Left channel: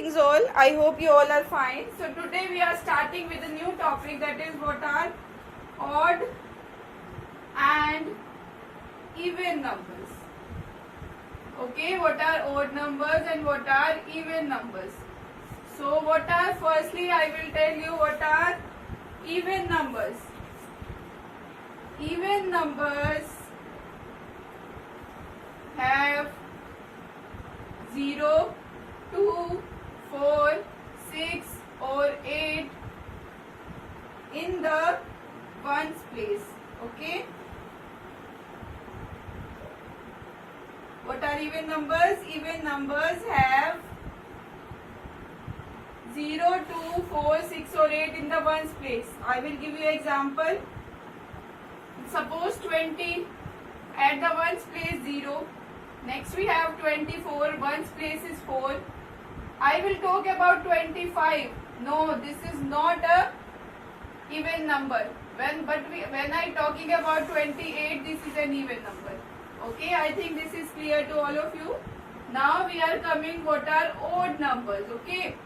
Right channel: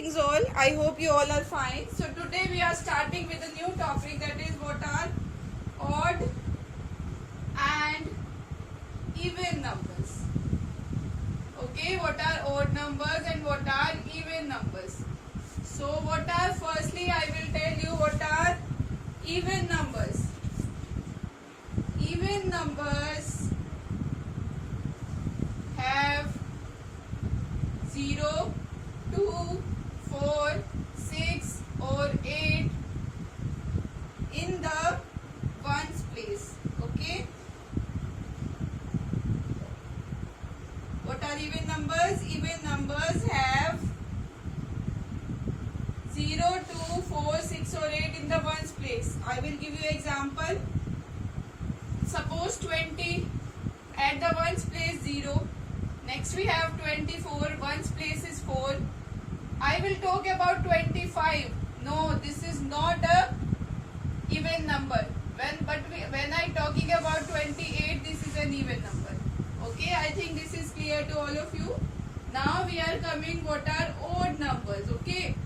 Greetings all. I hope you all are fine. So today we are starting with a new topic, that is what are odd and even numbers. Okay, what are odd numbers and what are even numbers? So what are, firstly I will tell you what are even numbers. Even numbers have 0, 2, 4, 6 or 8 in the ones place. Okay. What are even numbers? Even numbers have 0, 2, 4, 6 or 8 in the ones place. I will give you example. Suppose 20, at the ones place 0. Next we have 24, ones place is 4. I will talk about 25. No, this is not a even number. When I talking about 28, this is an even number. Okay, I think this is clear to all of you. Now we are coming what are odd numbers. Okay,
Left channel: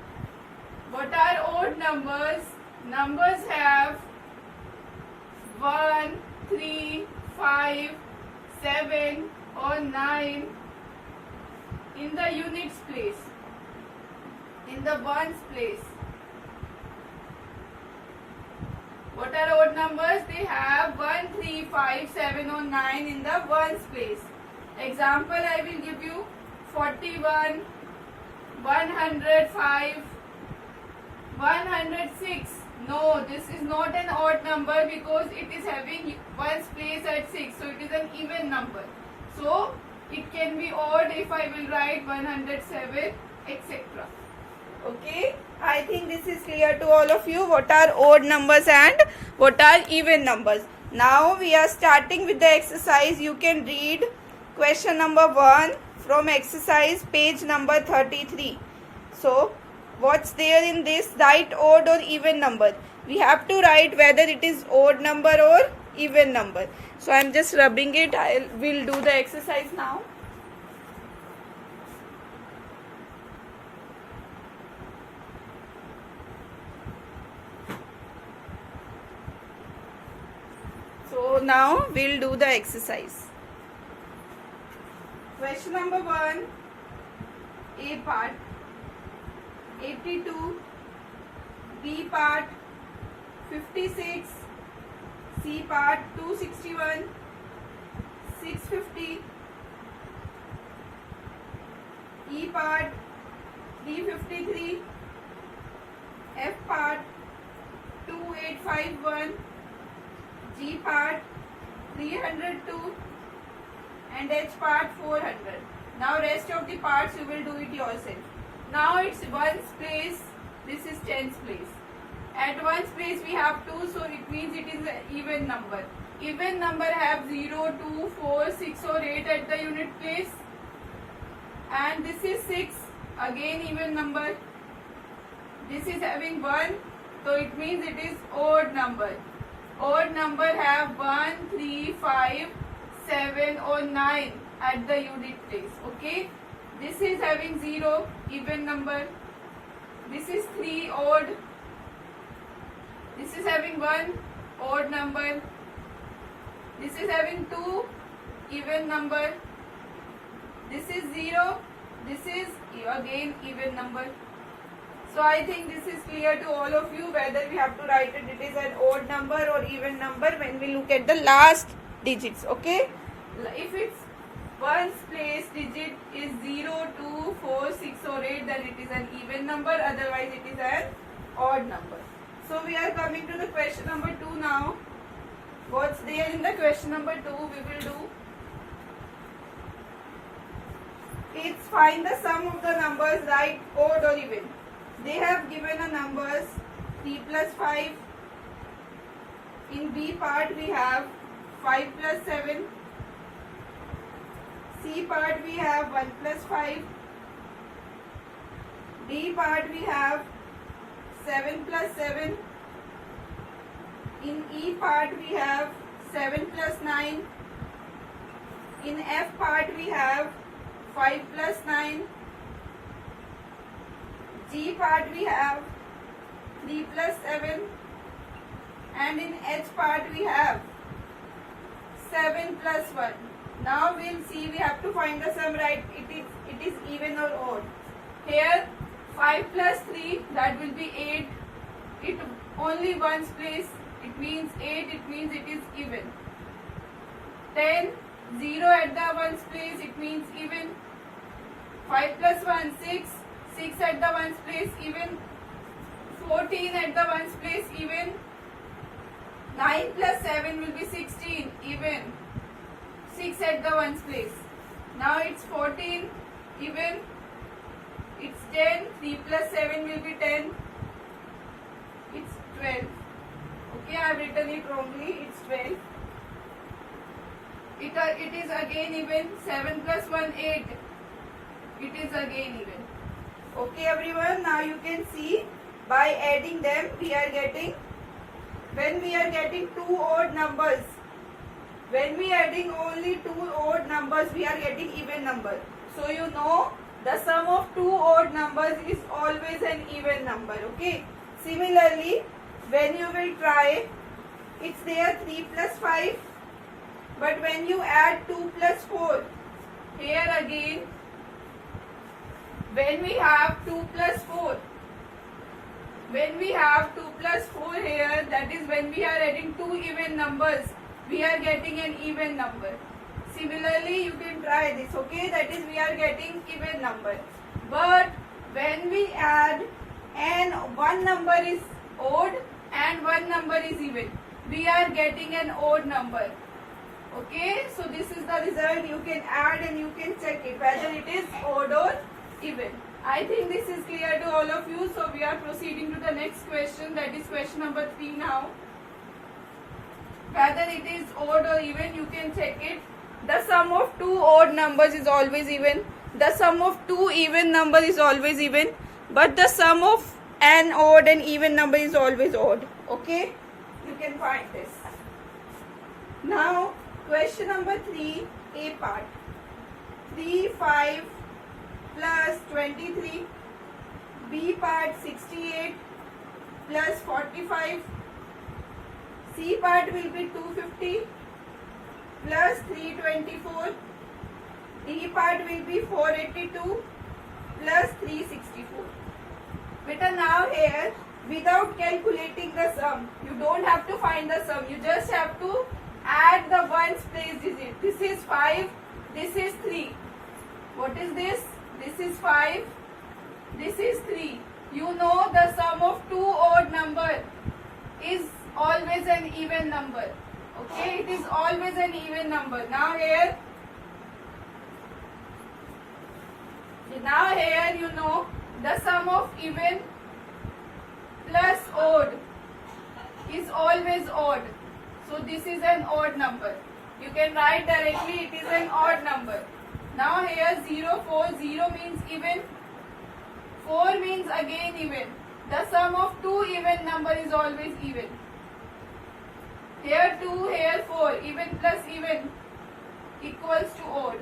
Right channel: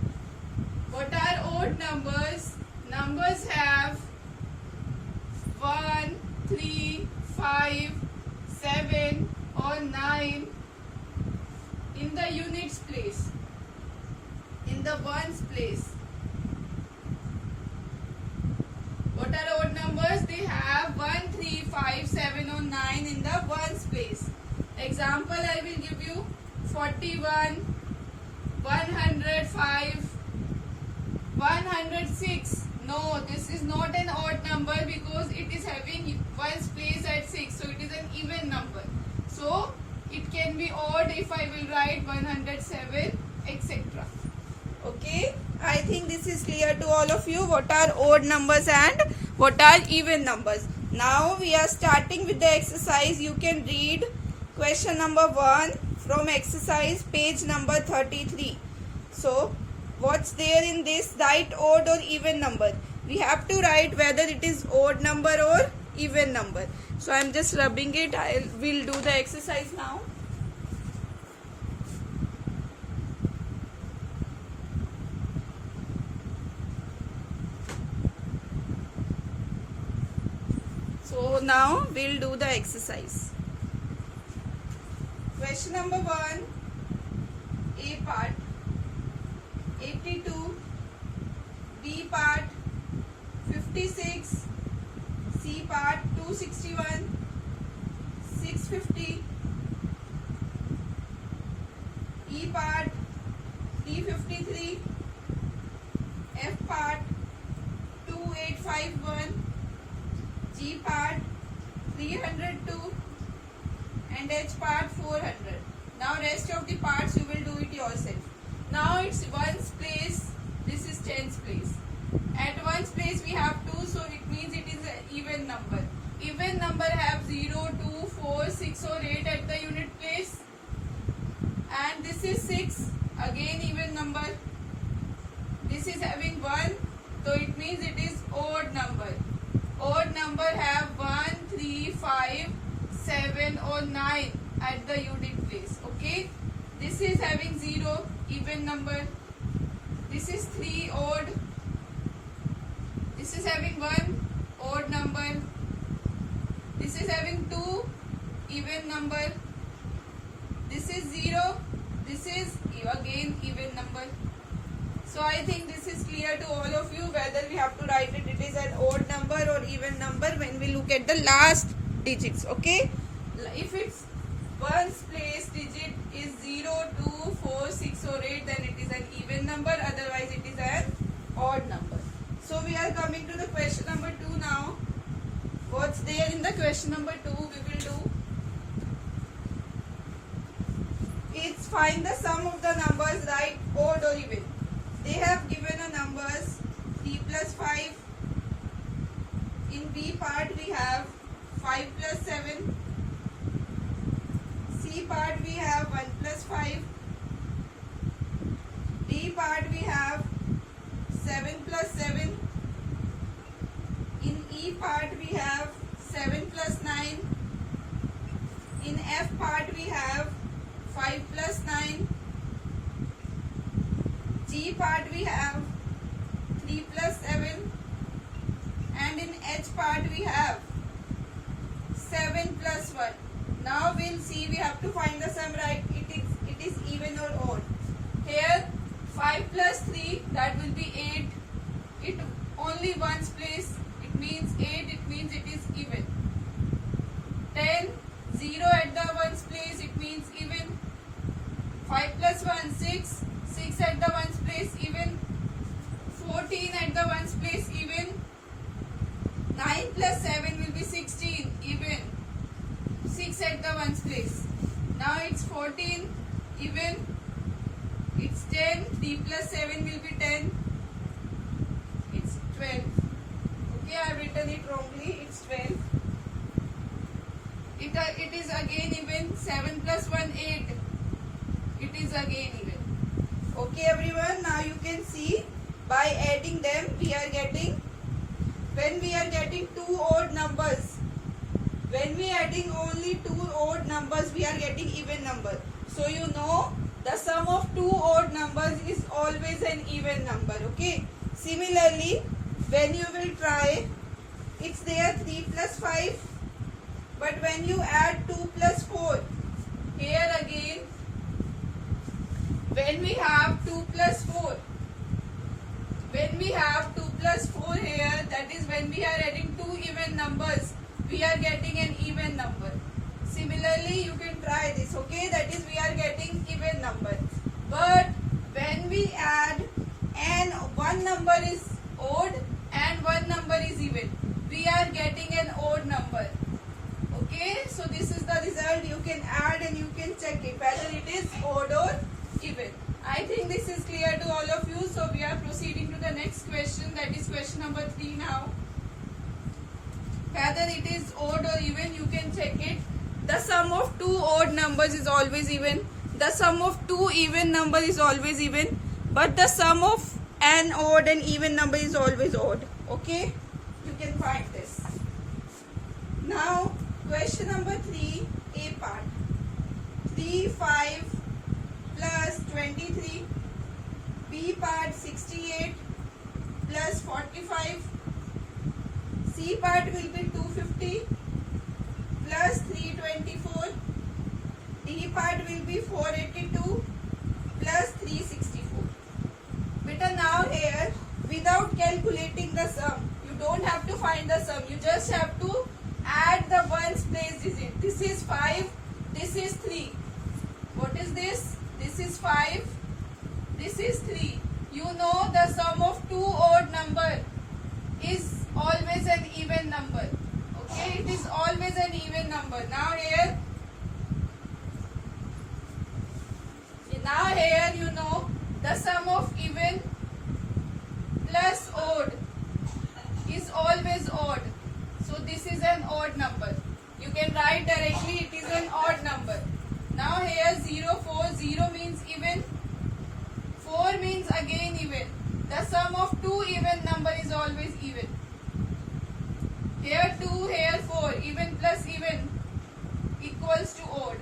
what are odd numbers? Numbers have 1, 3, 5, 7 or 9 in the units place, in the ones place. What are odd numbers? They have 1, 3, 5, 7 or 9 in the ones place. Example I will give you: 41, 105, 106. No, this is not an odd number because it is having ones place at 6. So it is an even number. So it can be odd if I will write 107, etc. Okay, I think this is clear to all of you what are odd numbers and what are even numbers. Now we are starting with the exercise. You can read question number 1 from exercise page number 33. So what's there in this? Write odd or even number. We have to write whether it is odd number or even number. So I'm just rubbing it. I will do the exercise now. So now we'll do the exercise. Question number 1, A part 82, B part 56, C part 261, 650, E part 353, F part 2851, G part 302 and H part 400. Now rest of the parts you will do it yourself. Now it's ones place, this is tens place. At ones place we have 2, so it means it is an even number. Even number have 0, 2, 4, 6 or 8 at the unit place. And this is 6, again even number. This is having 1, so it means it is odd number. Odd number have 1, 3, 5, 7 or 9 at the unit place. Okay, this is having 0, even number. This is 3, odd. This is having 1, odd number. This is having 2, even number. This is 0. This is again even number. So I think this is clear to all of you whether we have to write it is an odd number or even number when we look at the last digits. Okay, if it's ones place digit is 0, 2, 4, 6 or 8, then it is an even number, otherwise it is an odd number. So we are coming to the question number 2 now. What's there in the question number 2 we will do? It's find the sum of the numbers, write odd or even. They have given a numbers 3 plus 5. In B part we have 5 plus 7. C part we have 1 plus 5. D part we have 7 plus 7. In E part we have 7 plus 9. In F part we have 5 plus 9. G part we have 3 plus 7, and in H part we have 7 plus 1. Now we'll see, we have to find the sum, right? It is even or odd. Here 5 plus 3, that will be 8. It only ones place, it means 8, it means it is even. 10, 0 at the ones place, it means even. 5 plus 1, 6, 6 at the ones place, even. 14 at the ones place, even. 9 plus 7 will be 16, even. 6 at the ones place. Now it's 14, even. It's 10, 3 plus 7 will be 10. It's 12. Okay, I have written it wrongly, it's 12. It is again even. 7 plus 1, 8. It is again even. Okay everyone, now you can see by adding them we are getting, when we are getting two odd numbers, when we are adding only two odd numbers, we are getting even number. So you know the sum of two odd numbers is always an even number. Okay. Similarly, when you will try, it's there 3 plus 5, but when you add 2 plus 4, here again, when we have 2 plus 4, when we have 2 plus 4 here, that is when we are adding two even numbers, we are getting an even number. Similarly, you can try this, okay? That is, we are getting even number. But when we add and one number is odd and one number is even, we are getting an odd number. Okay? So this is the result. You can add and you can check it whether it is odd or even. I think this is clear to all of you. So we are proceeding to the next question. That is question number 3 now. Whether it is odd or even, you can check it. The sum of two odd numbers is always even. The sum of two even numbers is always even. But the sum of an odd and even number is always odd. Okay? You can find this. Now, question number 3, A part. 3, 5 plus 23. B part 68 plus 45. C part will be 250 plus 324. D part will be 482 plus 364. Beta, now here, without calculating the sum, you don't have to find the sum. You just have to add the ones place digit. This is 5, this is 3. What is this? This is 5, this is 3. You know the sum of two odd number is always an even number. Okay, it is always an even number. Now here you know the sum of even plus odd is always odd. So this is an odd number. You can write directly it is an odd number. Now here 0, 4, 0 means even. 4 means again even. The sum of two even number is always even. Here 2, here 4. Even plus even equals to odd.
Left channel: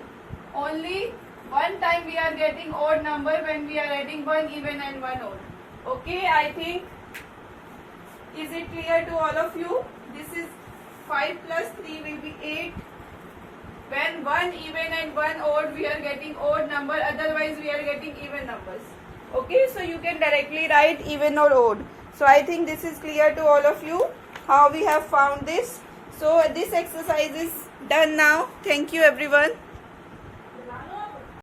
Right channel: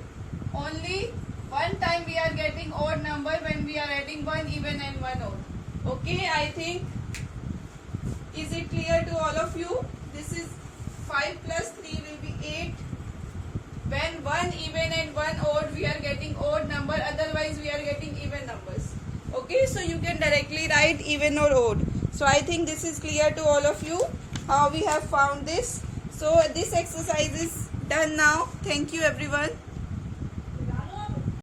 Only one time we are getting odd number when we are adding one even and one odd. Okay, I think, is it clear to all of you? This is 5 plus 3 will be 8. When one even and one odd, we are getting odd number, otherwise we are getting even numbers. Okay, so you can directly write even or odd. So I think this is clear to all of you how we have found this. So this exercise is done now. Thank you everyone.